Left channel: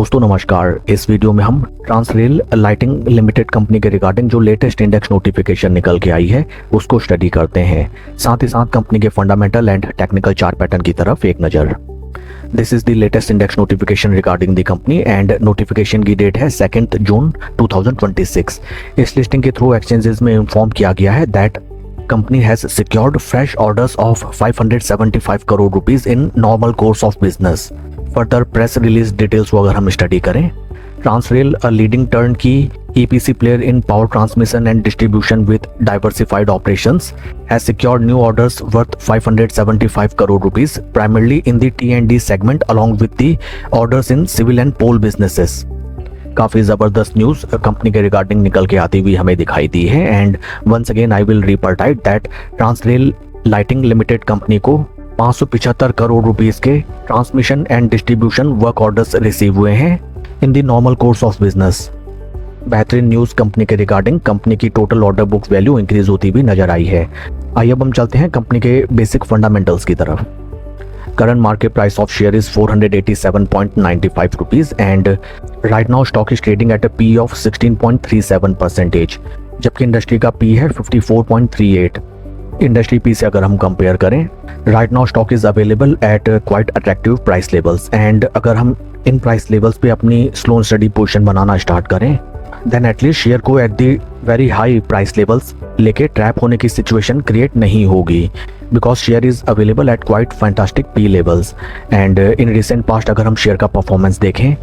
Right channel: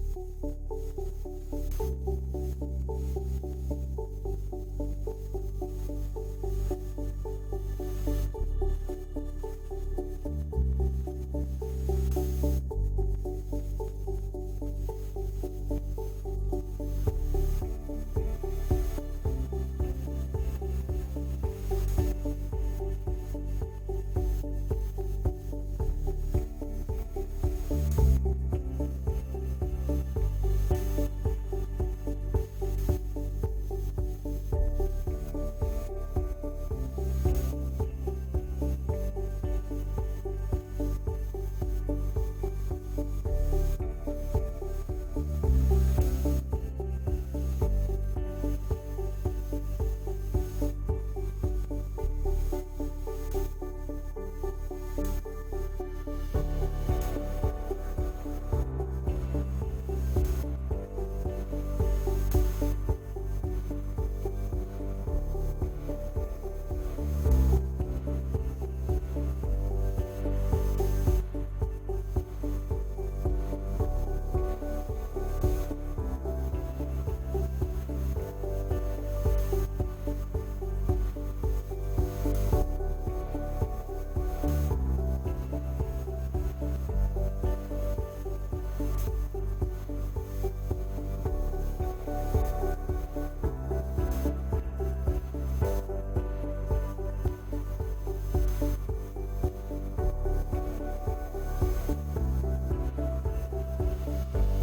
दोस्तों नमस्कार। इस वीडियो में हम ट्रांसरेल लाइटिंग लिमिटेड कंपनी के रिगार्डिंग जो लेटेस्ट इंडेक्स नोटिफिकेशन निकल के आई है उसको स्टडी करते हैं। साथ ही साथ कंपनी के fundamental and technical chart pattern की तरफ एक नज़र। This is the latest index notification regarding the company and notification की डेट है 2 जून 2026। इस लिस्टिंग के थ्रू एक्सचेंजेस में इन्फॉर्म किया गया है that company has secured fresh orders of 575 crore rupees in normal course of business. Further press release details को अगर हम स्टडी करें, Transrail a leading turnkey EPC player in power transmission and distribution with diversified operations has secured new orders worth 575 crore rupees primarily in the T&D segment along with the orders in civil and pole businesses. काफ़ी ज़बरदस्त news company के regarding निकल के आती हुई हमें दिखाई दी है and once again I will report that Transrail Lighting Limited company को 575 करोड़ रुपीस के transmission and distribution work orders receive हुए हैं in the normal course of business. बेहतरीन न्यूज़ कंपनी के रिगार्डिंग कंपनी की total order book value increase होती हुई नजर आई है। आइए अब हम चलते हैं कंपनी के बेसिक फंडामेंटल्स की तरफ। Current market price of share is 487.95 rupees and right now stock is trading at a PE of 16.37%, जबकि इंडस्ट्री का PE है 54.38। इंडस्ट्री पी से अगर हम कंपेयर करें, right now stock is available at quite attractive price levels and अगर हम in price levels पे अपनी slow and study position banana start करें देन एटलीस्ट शेयर को at the very high price levels लेके ट्रैप होने की सिचुएशन क्रिएट नहीं होगी because share is available at quite fantastic P levels and in recent past अगर हम share का परफॉर्मेंस देखें,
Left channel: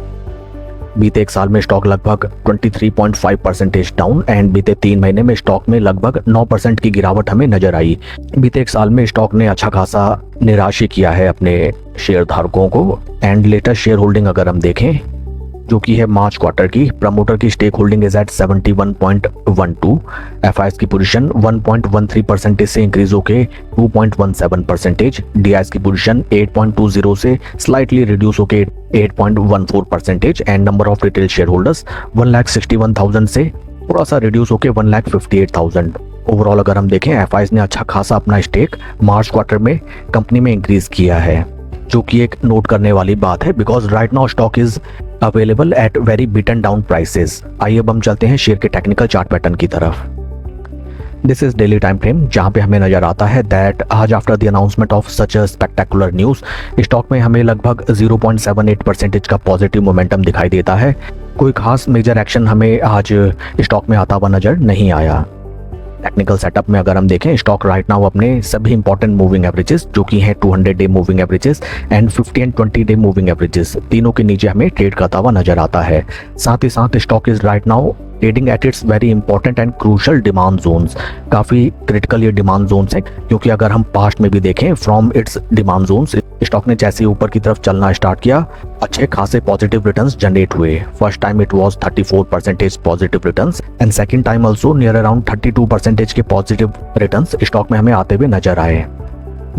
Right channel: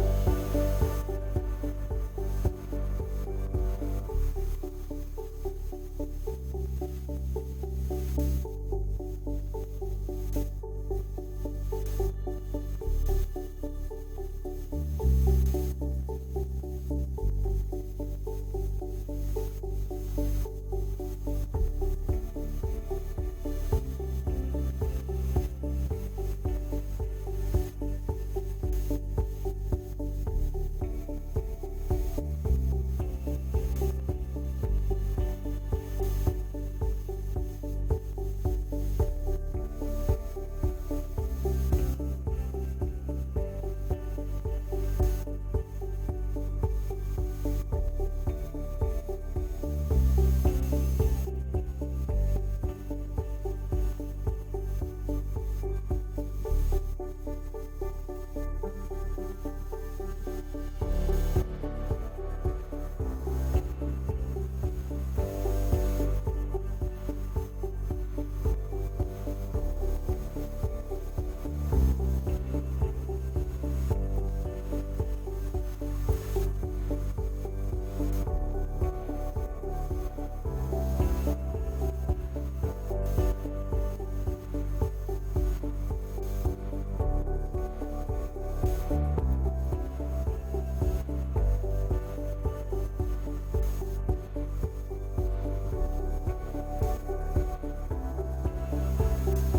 बीते एक साल में स्टॉक लगभग 23.5% डाउन एंड बीते 3 महीने में स्टॉक में लगभग 9% की गिरावट हमें नजर आई। बीते एक साल में स्टॉक ने अच्छा खासा निराश किया है अपने शेयर धारकों को एंड लेटेस्ट शेयर होल्डिंग अगर हम देखें जो कि है मार्च क्वार्टर की, प्रमोटर की stake holding is at 71.12, FIIs की पोजीशन 1.13% से इंक्रीज होके 2.17%, डीआईएस की पोजीशन 8.20 से स्लाइटली रिड्यूस होके 8.14% and number of retail share holders 1,61,000 से थोड़ा सा रिड्यूस होके 1,58,000। ओवरऑल अगर हम देखें एफआईएस ने अच्छा खासा अपना स्टेक मार्च क्वार्टर में कंपनी में इंक्रीज किया है, जो कि एक नोट करने वाली बात है because right now stock is available at very beaten down prices. आइए अब हम चलते हैं शेयर के टेक्निकल चार्ट पैटर्न की तरफ। This is daily time frame जहां पे हमें नजर आता है दैट आज after the announcement of such a spectacular news stock में हमें लगभग 0.78% का पॉजिटिव मोमेंटम दिखाई देता है। कोई खास मेजर एक्शन हमें आज स्टॉक में आता हुआ नजर नहीं आया। टेक्निकल सेटअप में अगर हम देखें, स्टॉक राइट नाउ अपने सभी इंपॉर्टेंट मूविंग एवरेजेस जो कि हैं 200 day moving averages and 50 and 20 day moving averages तीनों के नीचे हमें ट्रेड करता हुआ नजर आता है। साथ ही साथ stock is right now trading at its very important and crucial demand zones. काफी क्रिटिकल ये डिमांड जोन्स हैं क्योंकि अगर हम पास्ट में भी देखें from its demand zones stock ने जैसे ऊपर की तरफ चलना स्टार्ट किया अच्छे खासे पॉजिटिव रिटर्न्स जनरेट हुए। First time it was 34% positive returns and second time also near around 32% के पॉजिटिव रिटर्न्स स्टॉक में हमें आते हुए नजर आए।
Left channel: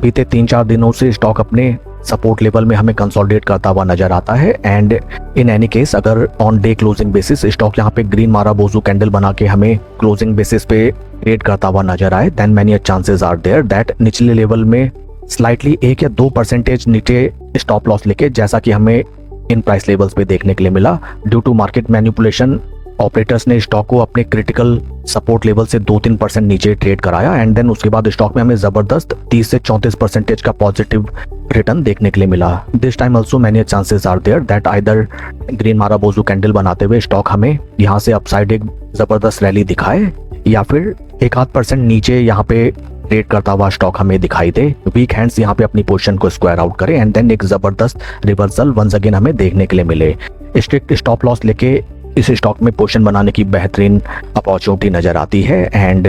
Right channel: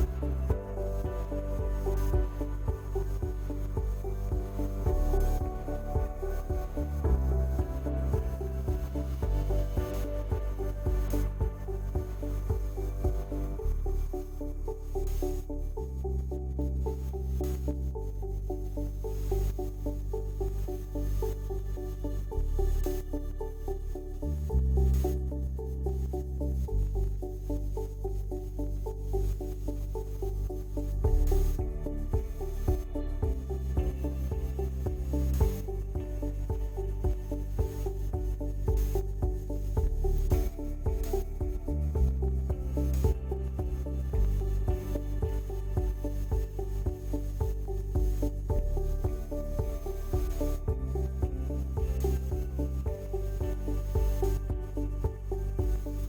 बीते 3-4 दिनों से स्टॉक अपने सपोर्ट लेवल में हमें कंसोलिडेट करता हुआ नजर आता है एंड इन एनी केस अगर on day closing basis stock यहाँ पे ग्रीन माराबोजू कैंडल बना के हमें क्लोजिंग बेसिस पे ट्रेड करता हुआ नजर आए then many chances are there that निचले लेवल में स्लाइटली 1 या 2% नीचे स्टॉप लॉस लेके जैसा कि हमें इन प्राइस लेवल्स पे देखने के लिए मिला due to market manipulation operators ने स्टॉक को अपने क्रिटिकल सपोर्ट लेवल से 2-3% नीचे ट्रेड कराया एंड देन उसके बाद स्टॉक में हमें जबरदस्त 30 से 34% का पॉजिटिव रिटर्न देखने के लिए मिला। This time also many chances are there that either green marubozu candle बनाते हुए स्टॉक हमें यहाँ से अपसाइड एक जबरदस्त रैली दिखाए या फिर 1-8% नीचे यहाँ पे ट्रेड करता हुआ स्टॉक हमें दिखाई दे, वीक हैंड्स यहाँ पे अपनी पोजीशन को स्क्वायर आउट करे एंड देन एक जबरदस्त रिवर्सल वंस अगेन हमें देखने के लिए मिले। स्ट्रिक्ट स्टॉप लॉस लेके इस स्टॉक में पोजीशन बनाने की बेहतरीन अपॉर्चुनिटी नजर आती है एंड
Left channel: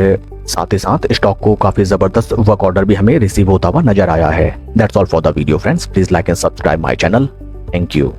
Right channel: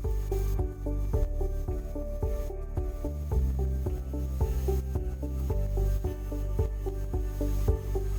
साथ ही साथ स्टॉक को काफी जबरदस्त वर्क ऑर्डर भी हमें रिसीव होता हुआ नजर आया है। That's all for the video friends, please like and subscribe my channel. Thank you.